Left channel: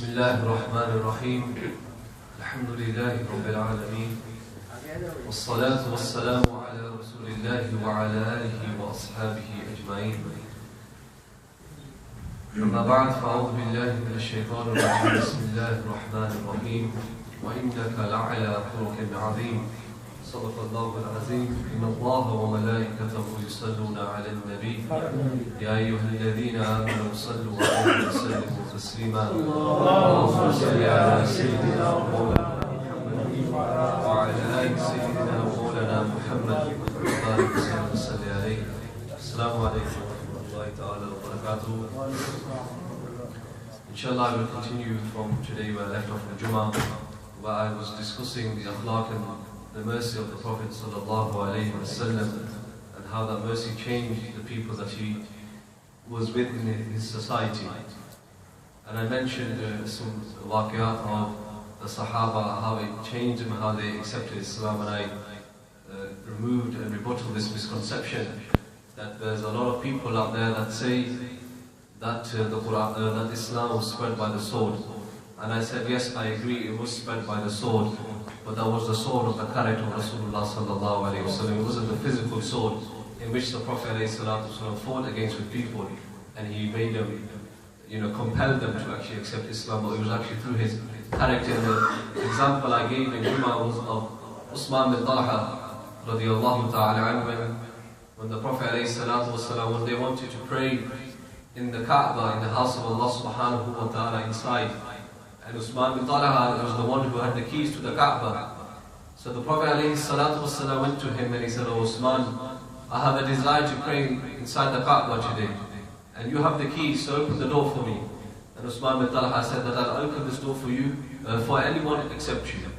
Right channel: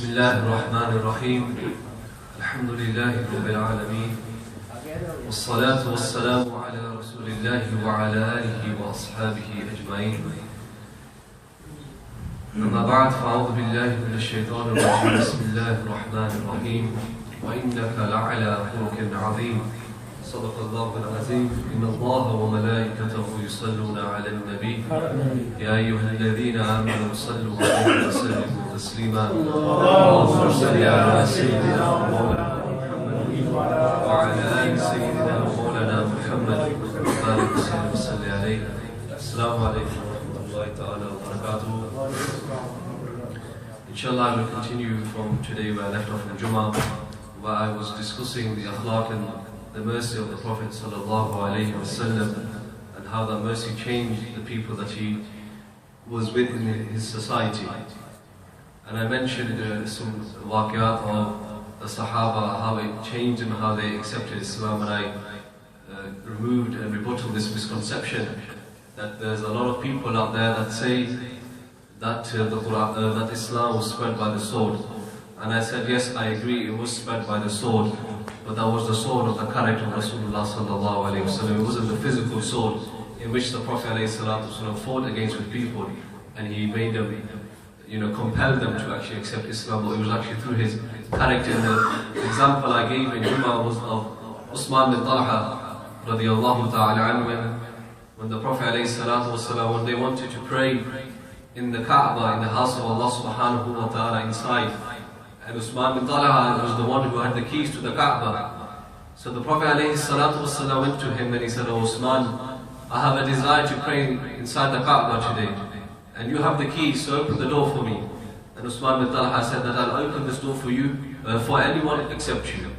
بسم الله الرحمن الرحيم الحمد لله رب العالمين والصلاة والسلام على رسول الله وعلى آله وأصحابه أجمعين أما بعد فأعوذ بالله من الشيطان الرجيم بسم الله الرحمن الرحيم وإنك لعلى خلق عظيم صدق الله العظيم إن الله وملائكته يصلون على النبي يا أيها الذين آمنوا صلوا عليه وسلموا تسليما اللهم صل على سيدنا مولانا وعلى آل سيدنا مولانا محمد وبارك وسلم وصل عليه. السلام عليكم ورحمة الله تعالى وبركاته. Inshallah, I will continue from today where I left off from Jummah, where I was discussing the akhlaq and the mercy of the Prophet sallallahu alaihi wasallam and how that mercy changed the people that he was with in his society. And I mentioned some waqiyat of the Sahaba, how it changed them, how they accepted Islam, and I removed and rebutted this misconception that there's a lot of people out there that say that the Quran, that Islam was spread by the sword. And I said, yes, I agree, it was spread by the sword, but that was the sword of the character of Rasulullah sallallahu alayhi wa sallam. It wasn't the physical sword in which the Prophet alayhi salatu wasallam fought against with people, and he made them, compelled them to actually accept Islam, but it was actually through his character. The example I gave in Jummah was of Usman bin Talha radiyallahu ta'ala anhu, when the Prophet alayhi salatu wasallam, when they wanted to pray in the Kaaba, in the house of Allah subhanahu wa ta'ala inside, and Usman bin Talha was the one who had the keys to the Kaaba. So the Prophet ﷺ went to him and he said, "Oh Usman, I have a desire to pray inside the Kaaba today, and you have the keys, so open the door for me." And Usman bin Talha said that I'll open this door for you, for anyone except you.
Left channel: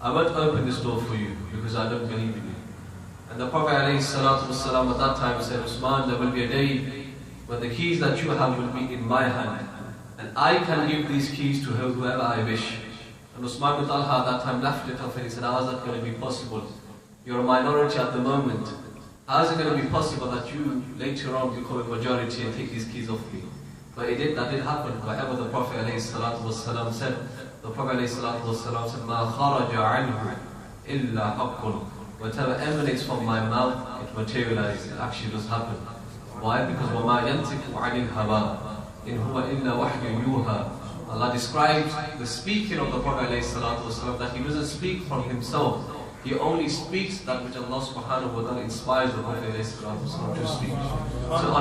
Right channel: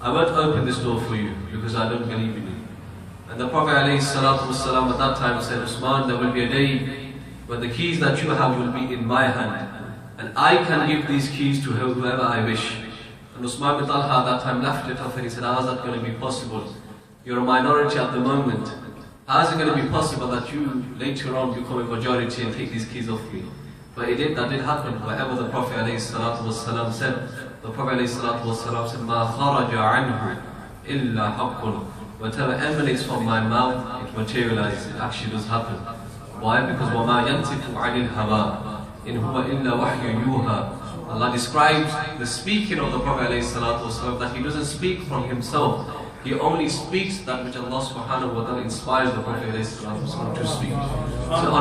I won't open this door for you because I don't believe in you. And the Prophet ﷺ at that time said, "Usman, there will be a day when the keys that you have will be in my hand, and I can give these keys to whoever I wish." And Usman bin Talha at that time left it off and he said, "How is that going to be possible? You're a minority at the moment. How is it going to be possible that you later on become a majority and take these keys off me?" But that did happen. Whatever the Prophet ﷺ said, the Prophet ﷺ said, "Ma kharaja anhu illa haqqun." Whatever emanates from my mouth, it materializes, it actually does happen. Why? Because وَمَا يَنْتِقُ عَنِ الْهَوَىٰ إِنْ هُوَ إِلَّا وَحْيٌ يُوحَىٰ. Allah describes the speaking of the Prophet ﷺ that he doesn't speak from himself. He only speaks that which Allah subhanahu wa ta'ala inspires the Prophet ﷺ to speak. So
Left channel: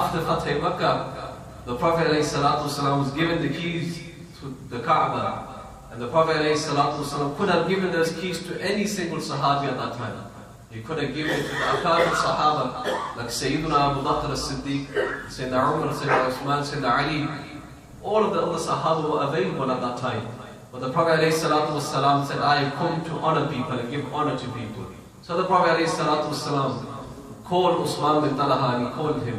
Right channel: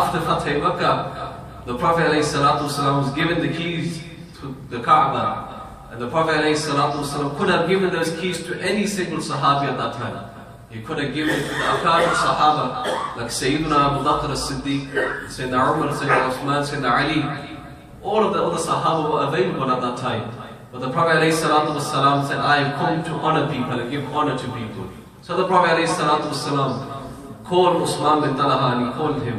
after Fatih Makkah, the Prophet ﷺ was given the keys to the Kaaba, and the Prophet ﷺ could have given those keys to any single Sahabi at that time. He could have given it to the Al-Karam Sahaba, like Sayyidina Abu Bakr as-Siddiq, Sayyidina Umar, Sayyidina Uthman, Sayyidina Ali. All of the other Sahaba were available at that time. But the Prophet ﷺ said, "I have come to honor people and give honor to people." So the Prophet ﷺ called Usman bin Talha and he called him.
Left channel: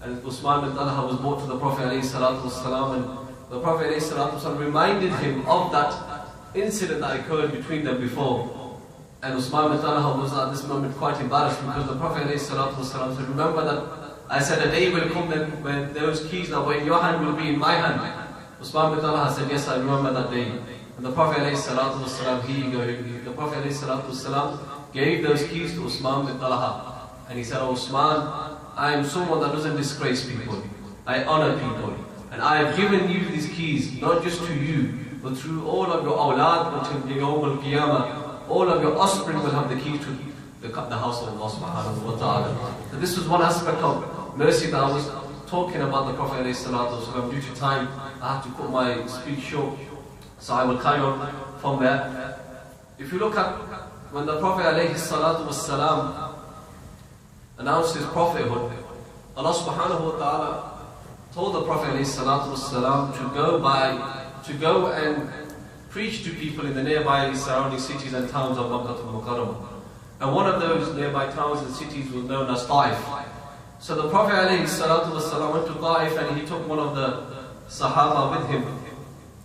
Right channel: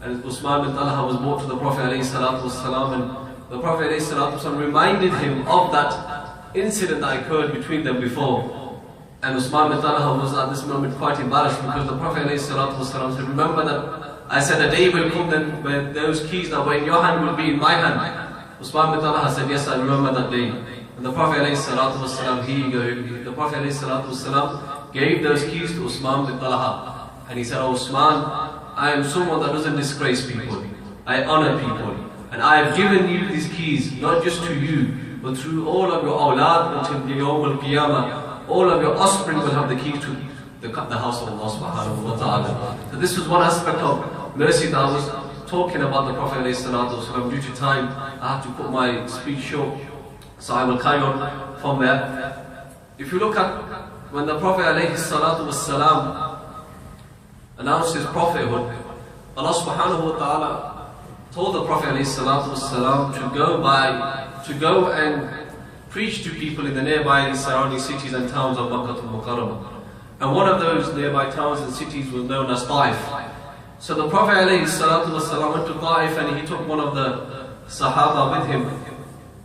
And Usman bin Talha was brought to the Prophet ﷺ, and the Prophet ﷺ reminded him of that incident that occurred between them before. And Usman bin Talha was at this moment quite embarrassed because the Prophet ﷺ said, "Remember that I said a day will come then when those keys that were in your hand will be in my hand." Usman bin Talha said, "Yes, I remember that day." And the Prophet ﷺ, the Prophet ﷺ gave those keys to Usman bin Talha. And he said, "Oh Usman, I am someone that doesn't disgrace people. I honor people. And I have given you these keys, not just to you, but through all of your awlad until the Yawm al-Qiyamah. All of your offspring will have the key to the house of Allah subhanahu wa ta'ala." So this was one aspect of mercy that I was talking about the Prophet ﷺ. Due to time, I have to cut my speech short, so I will carry on from there. If you look at when the Prophet ﷺ announced his prophethood, Allah subhanahu wa ta'ala told the Prophet ﷺ to go and preach to people in the nearby surrounding cities and towns of Makkah al-Karam. And one of those nearby towns and cities was known as Ta'if. So the Prophet ﷺ went to Ta'if and he took one of the Sahaba with him.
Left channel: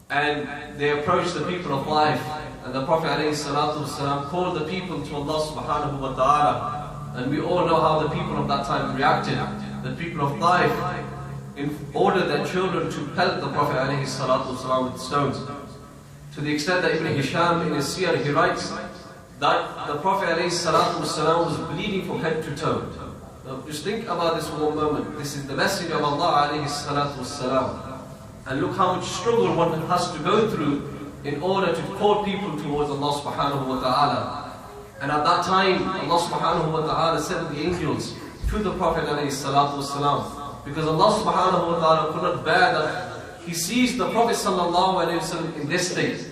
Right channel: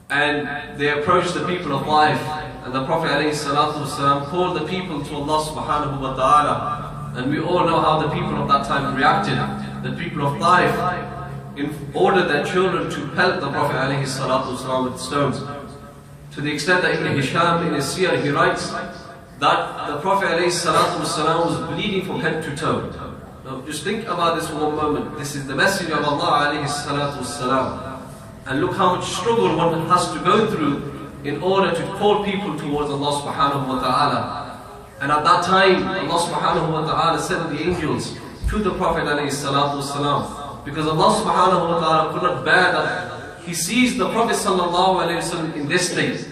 And they approached the people of Ta'if. And the Prophet ﷺ called the people to Allah subhanahu wa ta'ala. And we all know how the people of that time reacted. The people of Ta'if, ordered their children to pelt the Prophet ﷺ with stones. To the extent that Ibn Hisham in his Siyar, he writes that the Prophet ﷺ was bleeding from head to toe. Now just think about this for one moment. This is the Messenger of Allah ﷺ. And look how much struggle one has to go through in order to call people towards Allah subhanahu wa ta'ala. And at that time, Allah subhanahu wa ta'ala sent the angels to the Prophet ﷺ, because Allah subhanahu wa ta'ala could not bear that he sees the Prophet sallallahu alayhi wa sallam in this state,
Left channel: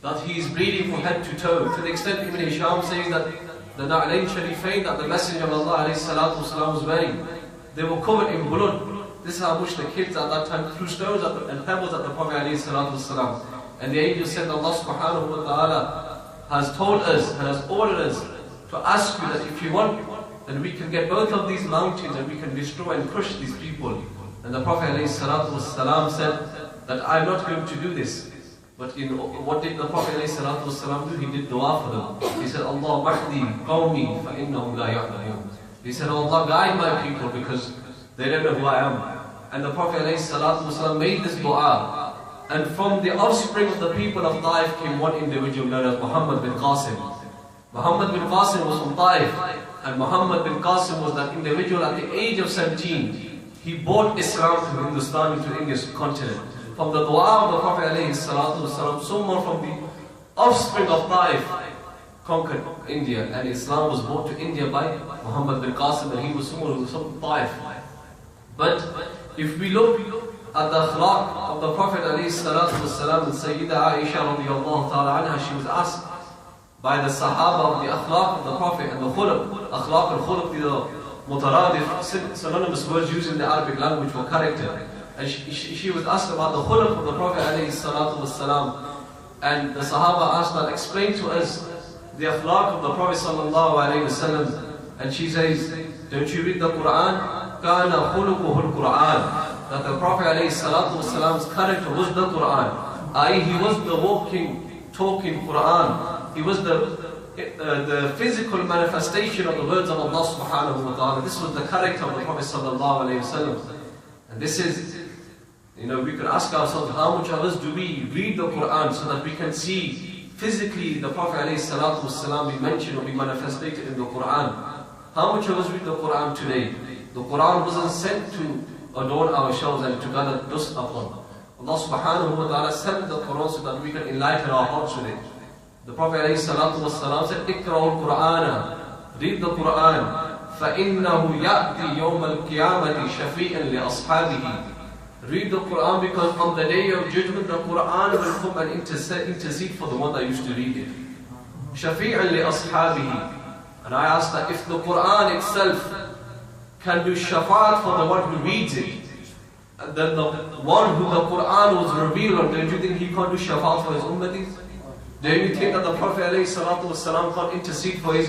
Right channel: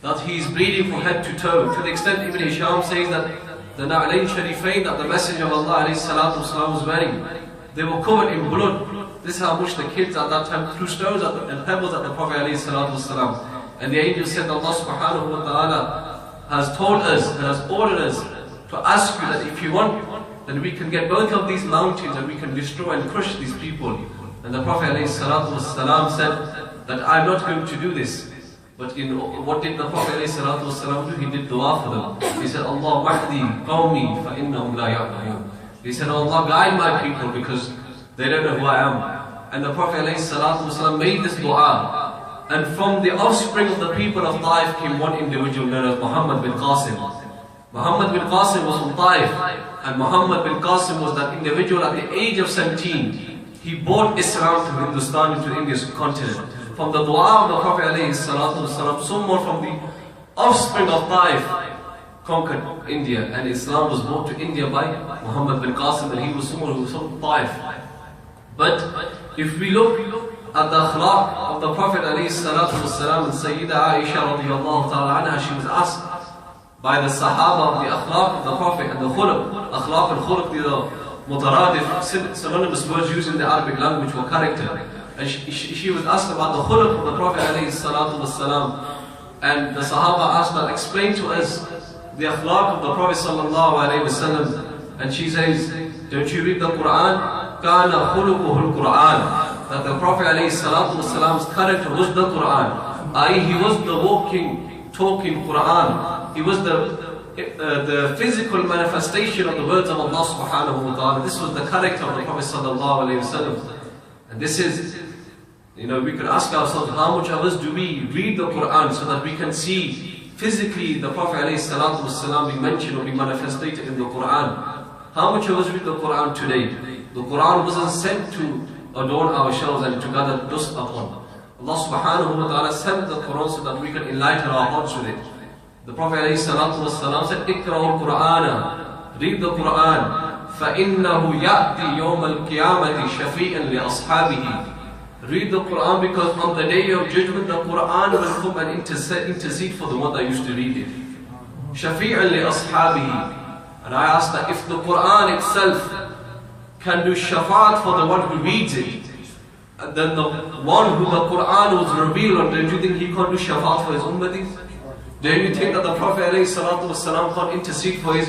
that he is bleeding from head to toe. To the extent Ibn Hisham says that the Na'alayn Sharifain that the Messenger of Allah alayhi salatu wasalam was wearing, they were covered in blood. This is how much the kids at that time threw stones and pebbles at the Prophet alayhi salatu wasalam. And the angel said Allah subhanahu wa ta'ala has told us and has ordered us to ask you that if you want, then we can get both of these mountains and we can destroy and crush these people. And the Prophet ﷺ said that I'm not going to do this. But what did the Prophet ﷺ do? He did dua for them. He said, Allah mahdi qawmi fa innahum la ya'lamun. He said, Allah guide my people because they don't know who I am. And the Prophet ﷺ made this dua. And from the offspring of the people of Taif came one individual known as Muhammad bin Qasim. Muhammad bin Qasim was from Taif. And Muhammad bin Qasim was that individual at the age of 17. He brought Islam to Hindustan, into the Indian continent. From the dua of the Prophet ﷺ, someone from the offspring of Taif conquered India. And Islam was brought to India by Muhammad bin Qasim, and he was someone who was from Taif. But if we look at the akhlaq of the Prophet ﷺ and Sayyida Aisha radiallahu ta'ala anha, she was asked by the Sahaba of the akhlaq of the Prophet and the khuluq. Akhlaq and khuluq, these are mutaradif, synonymous words used in the Arabic language for character. And she was asked about the khuluq of the Prophet ﷺ. And the Sahaba asked her, explain to us the akhlaq of the Prophet ﷺ. And she says, don't you read the Quran? Kana khuluquhul Quran. That the Prophet ﷺ's character was the Quran. I.e., he was the walking, talking Quran. He was the physical manifestation of the words of Allah subhanahu wa ta'ala. This was the character of the Prophet sallallahu alayhi wa sallam. And this is, we could ask ourselves, how much of us do we read the Quran so that we can see physically the Prophet alayhi salatu wasalam be mentioned or be manifested in the Quran? How much of us read the Quran today? The Quran wasn't sent to adorn ourselves and to gather dust upon. Allah subhanahu wa ta'ala sent the Quran so that we can enlighten our hearts with it. The Prophet ﷺ said, "Iqra'ul Qur'ana." Read the Quran. فَإِنَّهُ يَأْتِي يَوْمَ الْقِيَامَةِ شَفِيئًا لِأَصْحَابِهِ. Read the Quran because on the day of judgment, the Quran will come and intercede for the one that used to read it. شَفِيئًا لِأَصْحَابِهِ. And I ask that if the Quran itself can do shafaat for the one who reads it, then the one who the Quran was revealed on, don't you think he can't do shafaat for his ummatis? Don't you think that the Prophet ﷺ can't intercede for his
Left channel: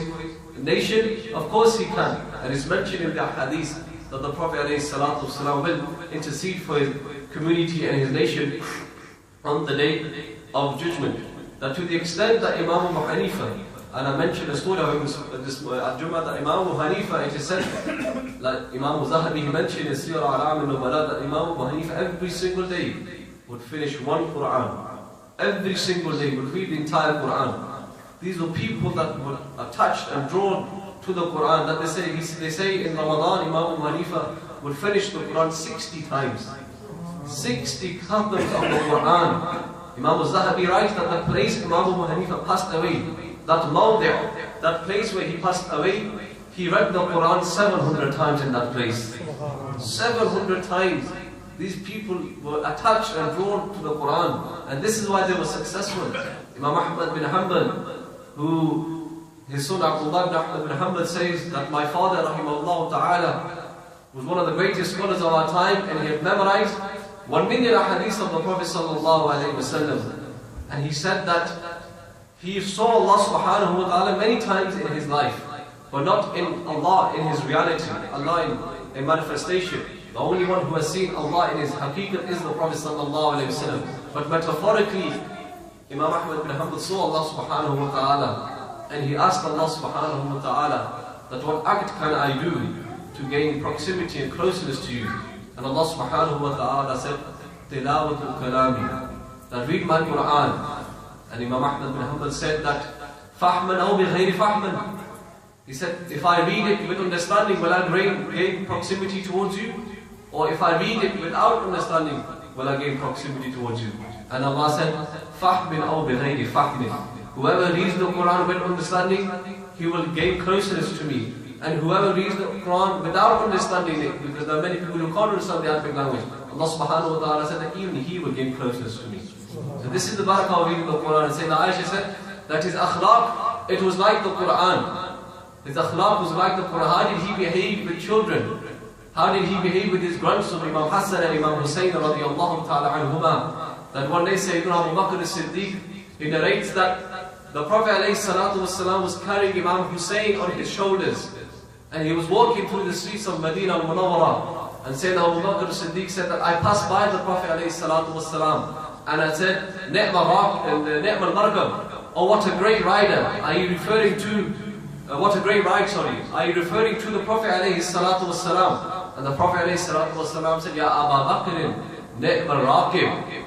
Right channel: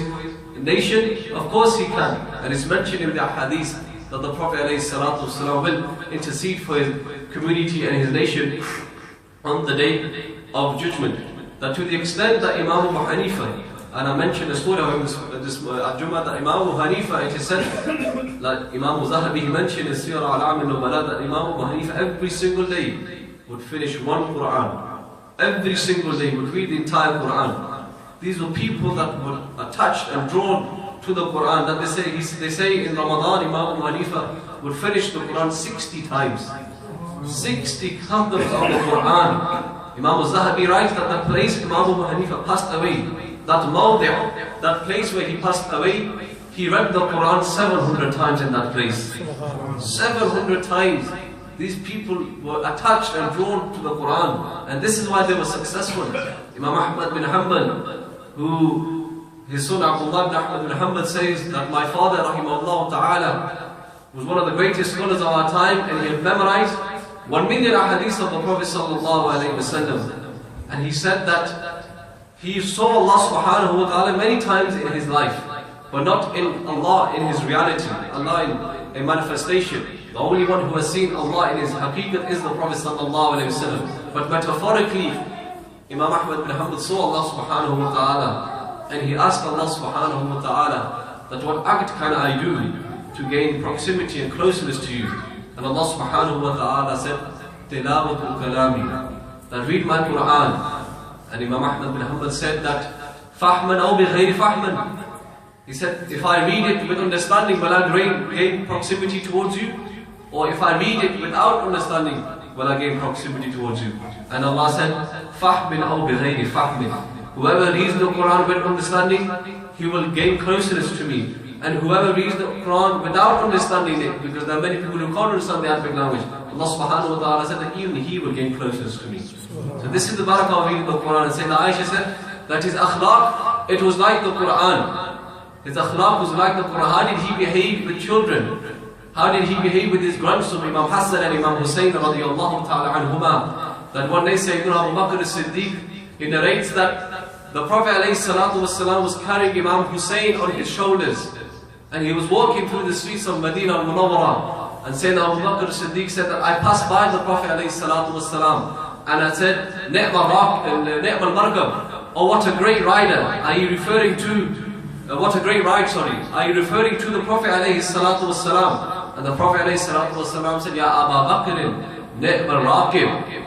nation? Of course he can. And it's mentioned in the hadith that the Prophet ﷺ will intercede for his community and his nation on the day of judgment. That to the extent that Imam Abu Hanifa, and I mentioned a story of this Al-Jum'ah, that Imam Abu Hanifa, it is said, like Imam Zahabi, he mentioned in Sirah Al-Am al-Nubala, that Imam Abu Hanifa every single day would finish one Quran. Every single day would read the entire Quran. These were people that were attached and drawn to the Quran. That they say in Ramadan, Imam Abu Hanifa would finish the Quran 60 times. 60 khatams of the Quran. Imam Zahabi writes that the place Imam Abu Hanifa passed away, that place where he passed away, he read the Quran 700 times in that place. 700 times. These people were attached and drawn to the Quran. And this is why they were successful. Imam Ahmad bin Hanbal, who his son Abdullah bin Ahmad bin Hanbal says that my father, rahimahullah ta'ala, was one of the greatest scholars of our time, and he had memorized 1 million ahadith of the Prophet sallallahu alayhi wa sallam. And he said that he saw Allah subhanahu wa ta'ala many times in his life, but not in Allah in his reality, Allah in manifestation. The only one who has seen Allah in his haqiqat is the Prophet sallallahu alayhi wa sallam. But metaphorically, Imam Ahmad bin Hanbal saw Allah subhanahu wa ta'ala, and he asked Allah subhanahu wa ta'ala that what act can I do to gain proximity and closeness to you? And Allah subhanahu wa ta'ala said, Tilawatul kalami, that read my Quran. And Imam Ahmad bin Hanbal said that, Fahman aw bi ghayri fahman. He said, if I read it with understanding, will I gain proximity towards you? Or if I read it without understanding, will I gain proximity towards you? And Allah said, Fahmin aw bi ghayri fahmin. Whoever reads the Quran with understanding, he will gain closeness to me. And whoever reads the Quran without understanding it, because there are many people who can't understand the Arabic language, Allah subhanahu wa ta'ala said that even he will gain closeness to me. So this is the barakah of reading the Quran. And Sayyidina Aisha said that his akhlaq, it was like the Quran. His akhlaq was like the Quran. How did he behave with children? How did he behave with his grandson, Imam Hassan and Imam Hussein radiallahu ta'ala anhuma? That one day Sayyidina Abu Bakr as-Siddiq, he narrates that the Prophet ﷺ was carrying Imam Hussein on his shoulders. And he was walking through the streets of Medina al-Munawwara. And Sayyidina Abu Bakr as-Siddiq said that I passed by the Prophet ﷺ and I said, Ni'mal Markab, oh what a great rider. Are you referring to, what a great ride, sorry. Are you referring to the Prophet ﷺ? And the Prophet ﷺ said, Ya Aba Bakr, Ni'mal Raqib.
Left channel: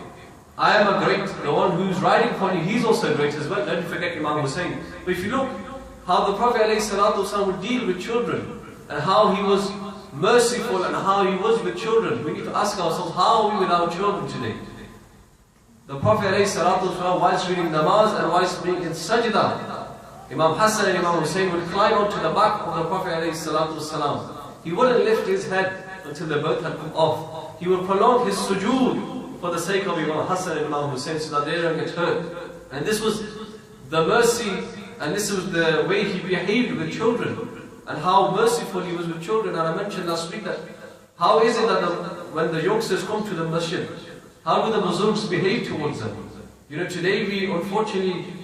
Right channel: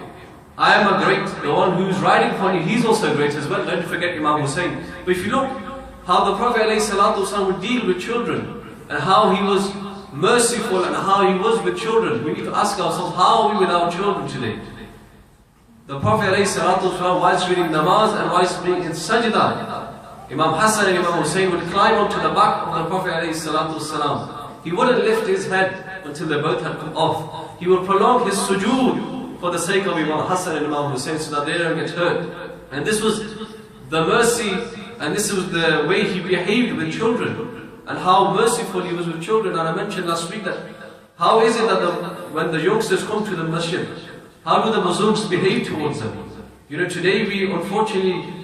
I am a great, the one who's riding for you, he's also great as well. Don't forget Imam Hussein. But if you look how the Prophet ﷺ would deal with children and how he was merciful and how he was with children, we need to ask ourselves, how are we with our children today? The Prophet ﷺ, whilst reading namaz and whilst being in sajda, Imam Hassan and Imam Hussein would climb onto the back of the Prophet ﷺ. He wouldn't lift his head until they both had come off. He would prolong his sujood for the sake of Imam Hassan and Imam Hussein so that they don't get hurt. And this was the mercy and this was the way he behaved with children and how merciful he was with children. And I mentioned last week that how is it that when the youngsters come to the masjid, how do the Muslims behave towards them? You know, today we unfortunately,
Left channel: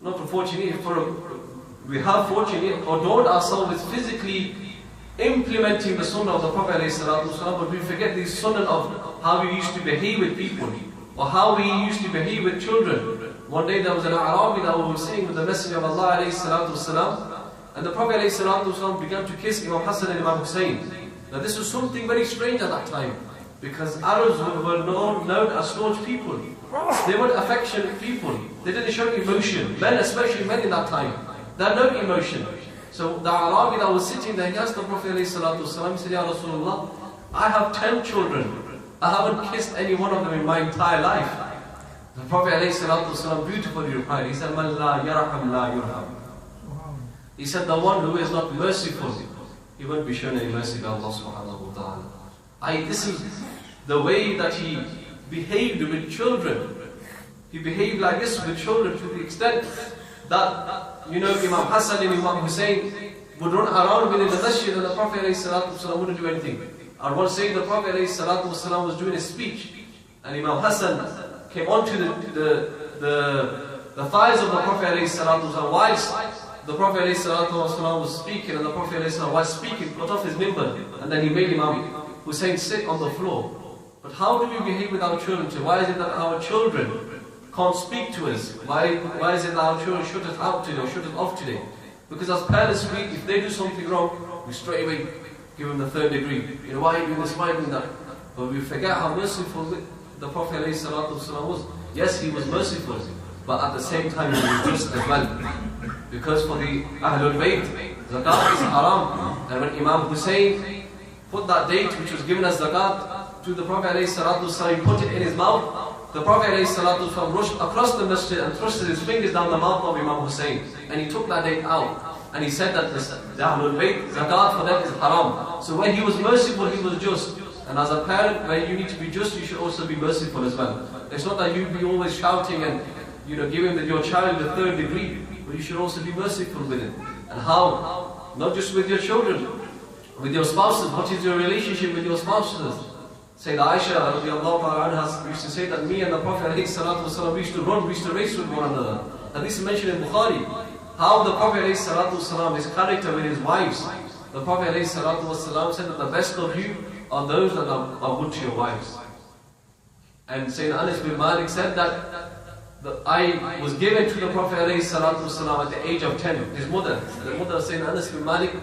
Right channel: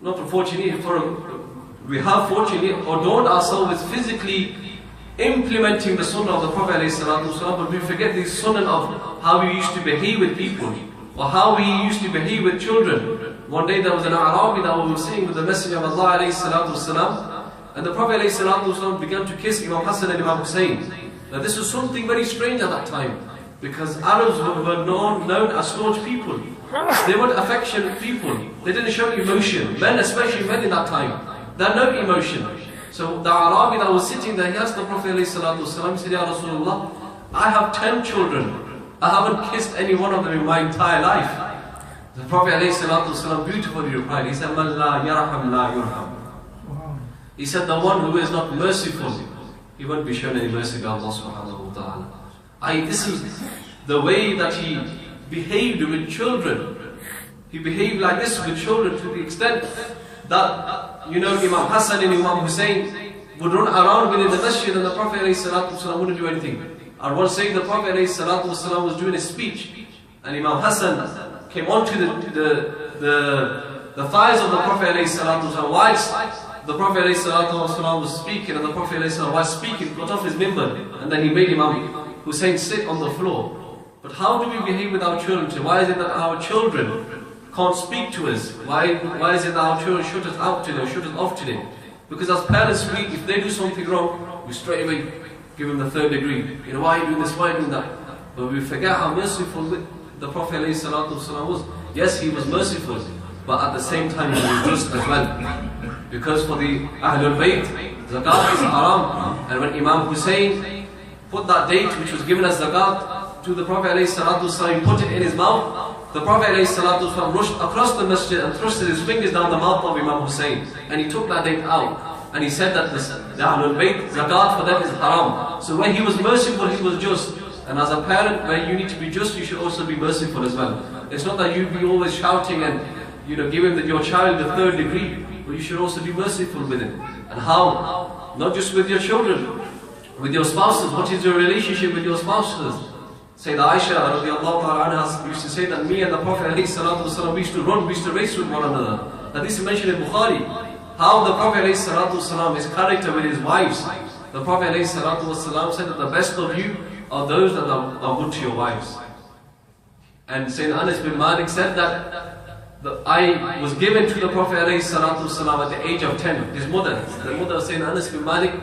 not unfortunately, we have fortunately adorned ourselves with physically implementing the sunnah of the Prophet ﷺ, but we forget the sunnah of how we used to behave with people or how we used to behave with children. One day there was an Arabi that was sitting with the Messenger of Allah ﷺ, and the Prophet ﷺ began to kiss Imam Hassan and Imam Hussein. Now this was something very strange at that time, because Arabs were known as staunch people. They were affectionate people. They didn't show emotion. Men, especially men in that time, they had no emotion. So the Arabi that was sitting there, he asked the Prophet ﷺ, he said, Ya Rasulullah, I have 10 children. I haven't kissed any one of them in my entire life. The Prophet ﷺ beautifully replied, he said, Man la yarham la yurham. He said, the one who is not merciful, he won't be shown any mercy by Allah subhanahu wa ta'ala. This is the way that he behaved with children. He behaved like this with children to the extent that, you know, Imam Hassan and Imam Hussein would run around within the masjid and the Prophet ﷺ wouldn't do anything. And one saying the Prophet ﷺ was doing a speech and Imam Hassan came onto the thighs of the Prophet ﷺ whilst the Prophet ﷺ was speaking, and the Prophet ﷺ while speaking got off his minbar and then he made Imam Hussein sit on the floor. But how do we behave with our children today? Why is it that our children can't speak to us? Why is it that our children shut us out today or shut us off today? Because as parents, if they do something wrong, we straight away give them the 3rd degree. You know, why are you doing this? Why are you doing that? But we forget how merciful the Prophet ﷺ was. Yes, he was merciful, but at the same time he was just as well. Because for the Ahlul Bayt, zakat is haram. And when Imam Hussein put that date which was given as zakat to the Prophet ﷺ, he put it in his mouth. The Prophet ﷺ rushed across the masjid and thrusted his fingers down the mouth of Imam Hussein. And he took that date out. And he said that the Ahlul Bayt, zakat for them is haram. So when he was merciful, he was just. And as a parent, where you need to be just, you should also be merciful as well. It's not that you be always shouting and, you know, giving your child the 3rd degree, but you should also be merciful with him. And how? Not just with your children, with your spouses. What is your relationship with your spouses? Sayyidina Aisha radiallahu anha used to say that me and the Prophet ﷺ, we used to run, we used to race with one another. And this is mentioned in Bukhari. How the Prophet ﷺ, his character with his wives. The Prophet ﷺ said that the best of you are those that are good to your wives. And Sayyidina Anas bin Malik said that I was given to the Prophet ﷺ at the age of 10. His mother, the mother of Sayyidina Anas bin Malik,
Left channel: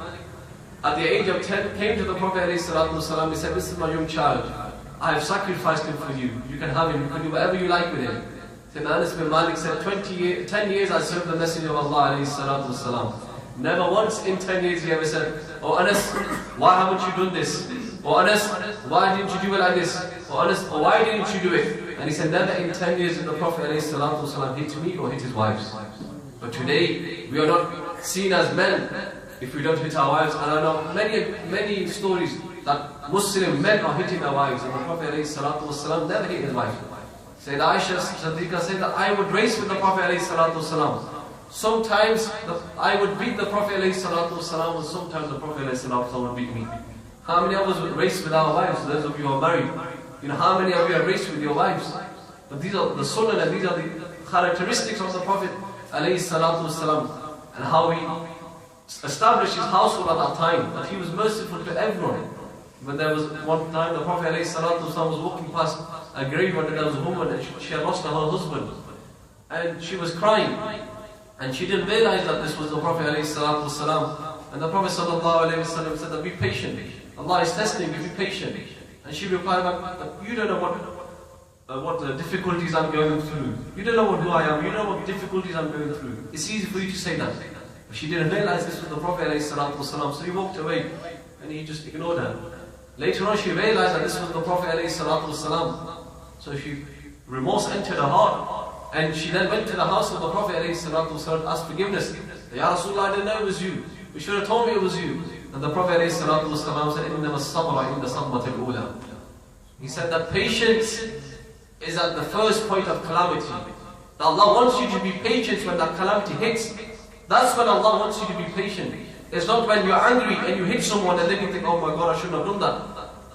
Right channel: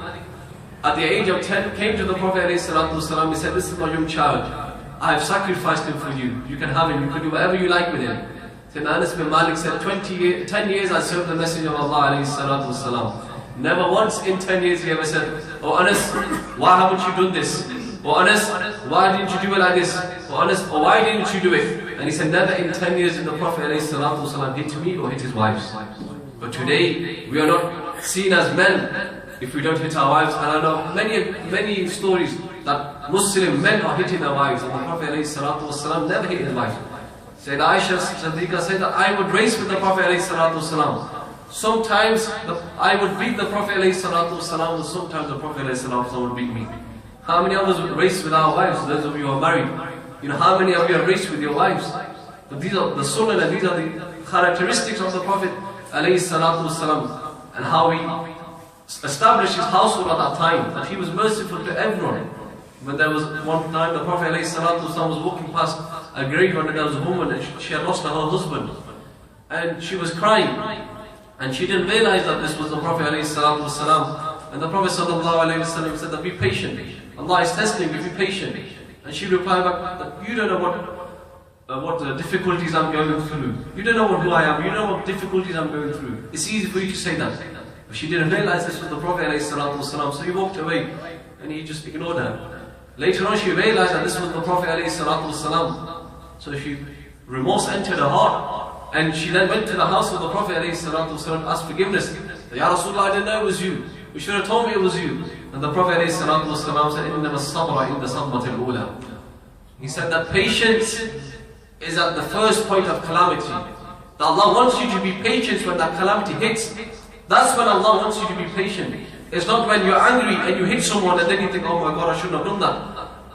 at the age of 10, came to the Prophet ﷺ. He said, this is my young child. I have sacrificed him for you. You can have him. You can do whatever you like with him. Then Anas bin Malik said, 10 years I served the Messenger of Allah ﷺ. Never once in 10 years he ever said, oh Anas, why haven't you done this? Or Anas, why didn't you do it like this? Or Anas, or why didn't you do it? And he said, never in 10 years did the Prophet ﷺ hit me or hit his wives. But today, we are not seen as men if we don't hit our wives. And I know many stories that Muslim men are hitting their wives, and the Prophet ﷺ never hit his wife. Sayyidah Aisha Siddiqa said that I would race with the Prophet ﷺ. Sometimes I would beat the Prophet ﷺ, and sometimes the Prophet ﷺ would beat me. How many of us would race with our wives? Those of you who are married, you know, how many of you have raced with your wives? But these are the sunnah and these are the characteristics of the Prophet ﷺ, and how he established his household at that time, that he was merciful to everyone. When there was one time the Prophet ﷺ was walking past a grave and there was a woman and she had lost her husband, and she was crying, and she didn't realize that this was the Prophet ﷺ. And the Prophet ﷺ said that be patient, Allah is testing you, be patient. And she replied back that you don't know what difficulties I'm going through. You don't know who I am, you don't know what difficulties I'm going through. It's easy for you to say that. But she didn't realize this was the Prophet ﷺ, so he walked away and he just ignored her. Later on she realized that this was the Prophet ﷺ. So remorse entered her heart, and she then went to the house of the Prophet ﷺ to ask forgiveness. Ya Rasulullah, I didn't know it was you. You should have told me it was you. And the Prophet ﷺ said, إِنَّمَا الصَّبْرَ إِنَّ صَدْمَةِ الْأُولَى. He said that patience is at the first point of calamity. That Allah wants you to be patient when that calamity hits. That's when Allah wants you to be patient. It's not when you're angry and you hit someone and then you think, oh my God, I shouldn't have done that.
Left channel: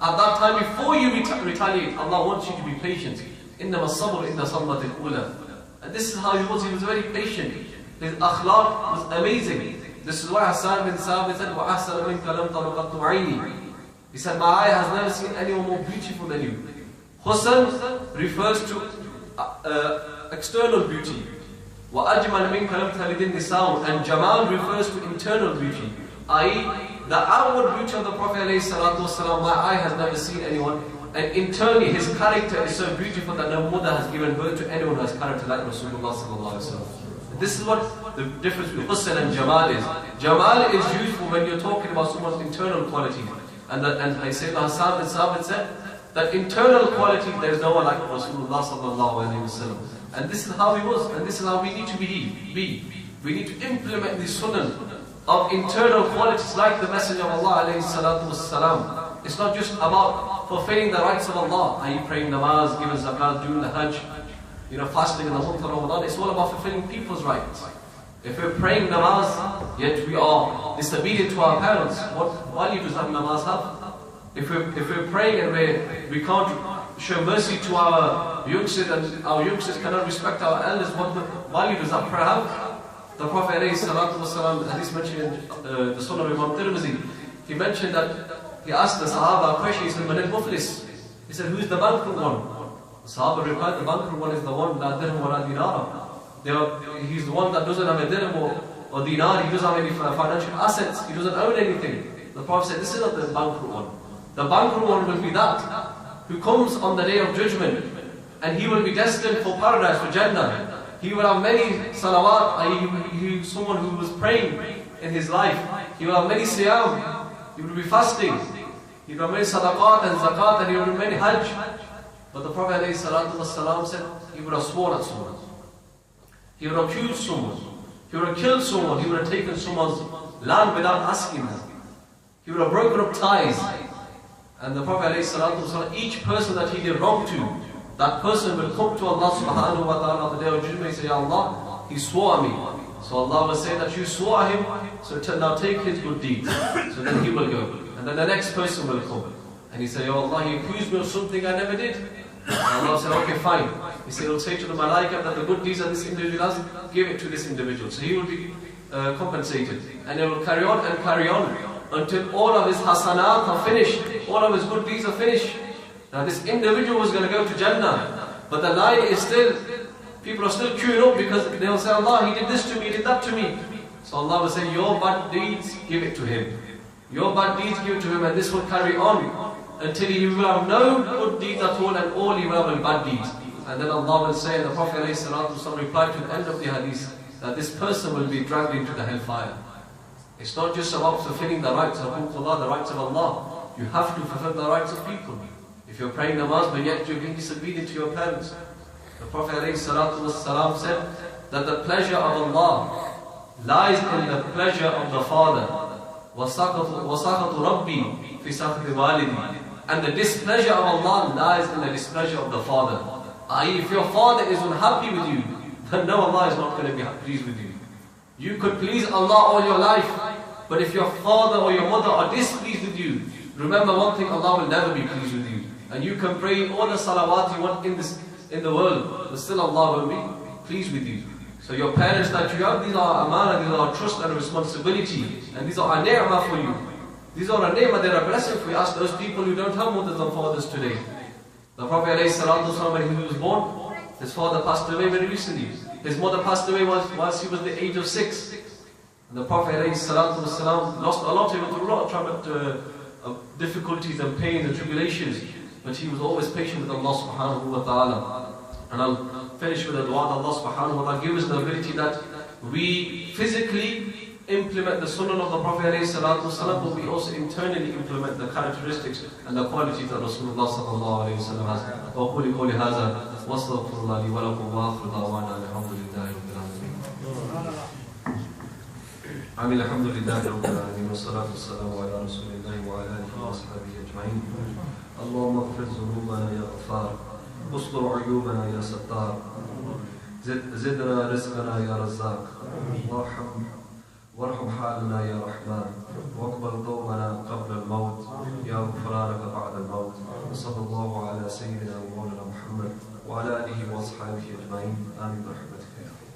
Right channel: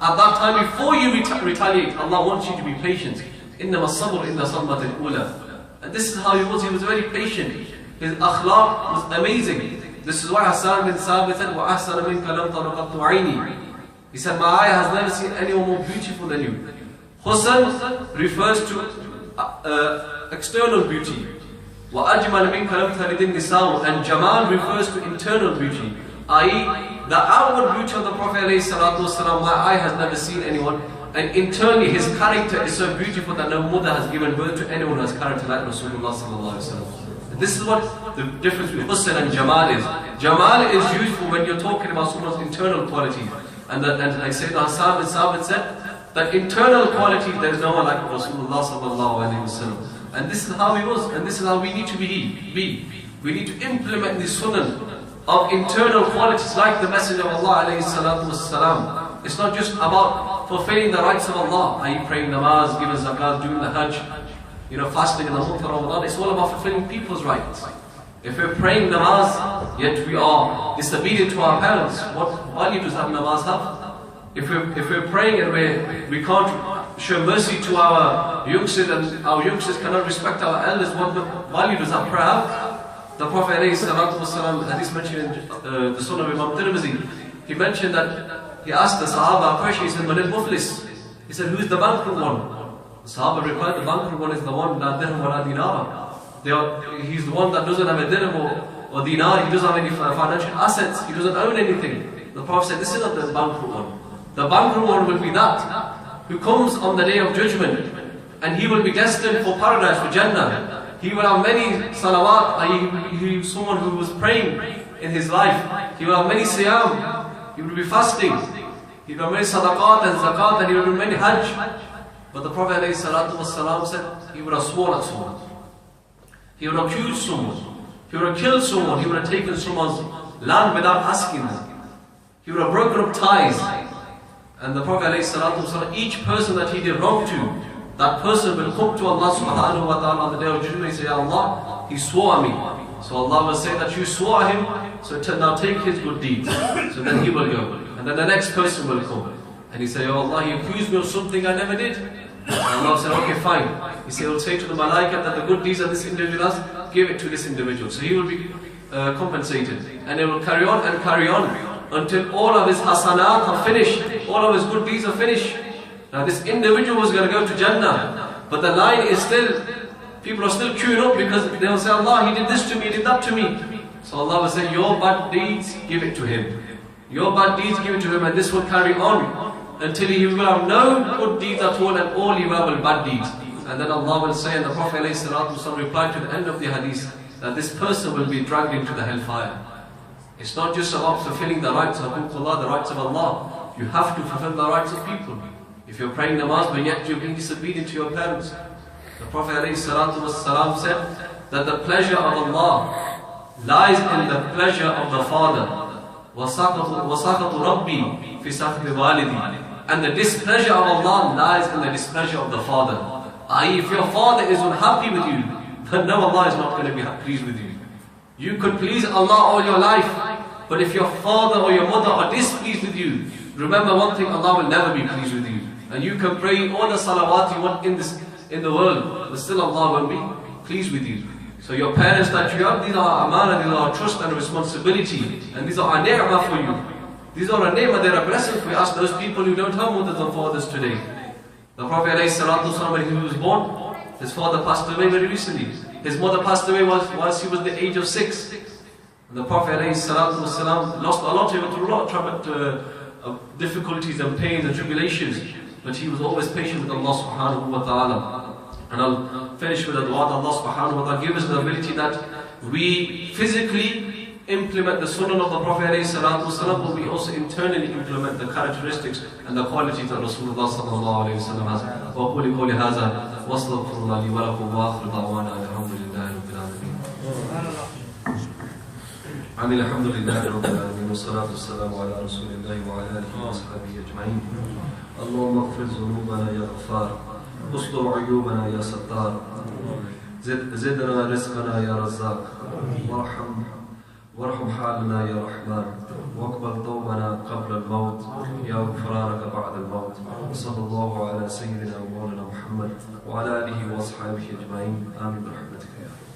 At that time, before you retaliate, Allah wants you to be patient. إِنَّمَا الصَّبْرُ إِنَّ صَدْمَةِ الْأُولَى. And this is how he was very patient. His akhlaq was amazing. This is why Hassan bin Sabit said, وَأَحْسَنَ مِنْكَ لَمْ تَرُقَتُ عَيْنِي. He said, my eye has never seen anyone more beautiful than you. Husn refers to external beauty. وَأَجْمَلْ مِنْكَ لَمْ تَلِدِ النِّسَاءُ. And Jamal refers to internal beauty, i.e. the outward beauty of the Prophet ﷺ, my eye has never seen anyone. And internally his character is so beautiful that no mother has given birth to anyone who has character like Rasulullah ﷺ. This is what the difference between Husn and Jamal is. Jamal is useful when you're talking about someone's internal qualities. And like Sayyidina Hassan bin Sabit said, that internal quality, there is no one like Rasulullah ﷺ. And this is how he was, and this is how we need to be. We need to implement the sunnah of internal qualities like the Messenger of Allah ﷺ. It's not just about fulfilling the rights of Allah, i.e. praying namaz, giving zakat, doing the hajj, fasting in the month of Ramadan. It's all about fulfilling people's rights. If we're praying namaz, yet we are disobedient to our parents, what value does that namaz have? If we're praying and we can't show mercy to our youngsters, and our youngsters cannot respect our elders, what value does that prayer have? The Prophet ﷺ, hadith mentioned in the Sunnah of Imam Tirmidhi, he mentioned that he asked the Sahaba a question. He said, Man al-Muflis? He said, who is the bankrupt one? The Sahaba replied, the bankrupt one is the one, la dirham wa la dinar. He's the one that doesn't have a dirham or dinar, he doesn't have any financial assets, he doesn't own anything. The Prophet said, this is not the bankrupt one. The bankrupt one will be that who comes on the day of judgment, and he will be destined for paradise, for Jannah. He will have many salawat, he someone who was praying in his life. He will have many siyam, he will be fasting. He will have many sadaqat and zakat, and he will do many hajj. But the Prophet ﷺ said, he would have sworn at someone. He would have accused someone. He would have killed someone. He would have taken someone's land without asking them. He would have broken up ties. And the Prophet ﷺ, each person that he did wrong to, that person will come to Allah subhanahu wa ta'ala on the day of judgment and say, Ya Allah, he swore at me. So Allah will say that you swore at him, so now take his good deeds. So then he will go. And then the next person will come. And he say, Ya Allah, he accused me of something I never did. And Allah will say, okay, fine. He will say to the malaika that the good deeds that this individual has, give it to this individual. So he will be compensated. And he will carry on and carry on until all of his hasanat are finished. All of his good deeds are finished. Now this individual was going to go to Jannah, but the line is still, people are still queuing up because they will say, Allah, he did this to me, he did that to me. So Allah will say, your bad deeds, give it to him. Your bad deeds given to him, and this will carry on until he will have no good deeds at all, and all you have are bad deeds. And then Allah will say, and the Prophet ﷺ replied to the end of the hadith, that this person will be dragged into the hellfire. It's not just about fulfilling the rights of Allah, the rights of Allah. You have to fulfill the rights of people. If you're praying namaz, but yet you're being disobedient to your parents. The Prophet ﷺ said that the pleasure of Allah lies in the pleasure of the father. وَسَخَطُ رَبِّي فِي سَخْطِ وَالِدِي. And the displeasure of Allah lies in the displeasure of the father. I.e., if your father is unhappy with you, then no, Allah is not going to be pleased with you. You could please Allah all your life, but if your father or your mother are displeased with you, remember one thing, Allah will never be pleased with you. And you can pray all the salawat you want in the world, but still Allah won't be pleased with you. So your parents that you have, these are amana, these are trust and responsibility, and these are a ni'mah for you. These are a ni'mah, they're a blessing for you. Ask those people who don't have mothers and fathers today. The Prophet ﷺ, when he was born, his father passed away very recently. His mother passed away whilst he was the age of 6. And the Prophet ﷺ lost a lot, he went through a lot of difficulties and pains and tribulations. But he was always patient with Allah subhanahu wa ta'ala. And I'll finish with a dua that Allah subhanahu wa ta'ala give us the ability that we physically implement the sunnah of the Prophet ﷺ, but we also internally implement the characteristics and the qualities that Rasulullah sallallahu alayhi wa sallam has. وَقُولِ قَوْلِ هَذَا وَأَسْتَغْفِرُ اللَّهَ لِي وَلَكُمْ وَآخِرُ دَعْوَانَا الْحَمْدُ لِلَّهِ رَبِّ الْعَالَمِينَ. الحمد لله رب العالمين والصلاة والسلام على رسول الله وعلى آله وأصحابه أجمعين. اللهم اغفر ذنوبنا يا غفار، استر عيوبنا يا ستار، زدنا رزقنا يا رزاق، وارحم حالنا يا رحمن، واقبل توبنا قبل الموت، يا غفرانك بعد الموت. صلى الله على سيدنا ومولانا محمد وعلى آله وأصحابه أجمعين. آمين برحمتك يا رب.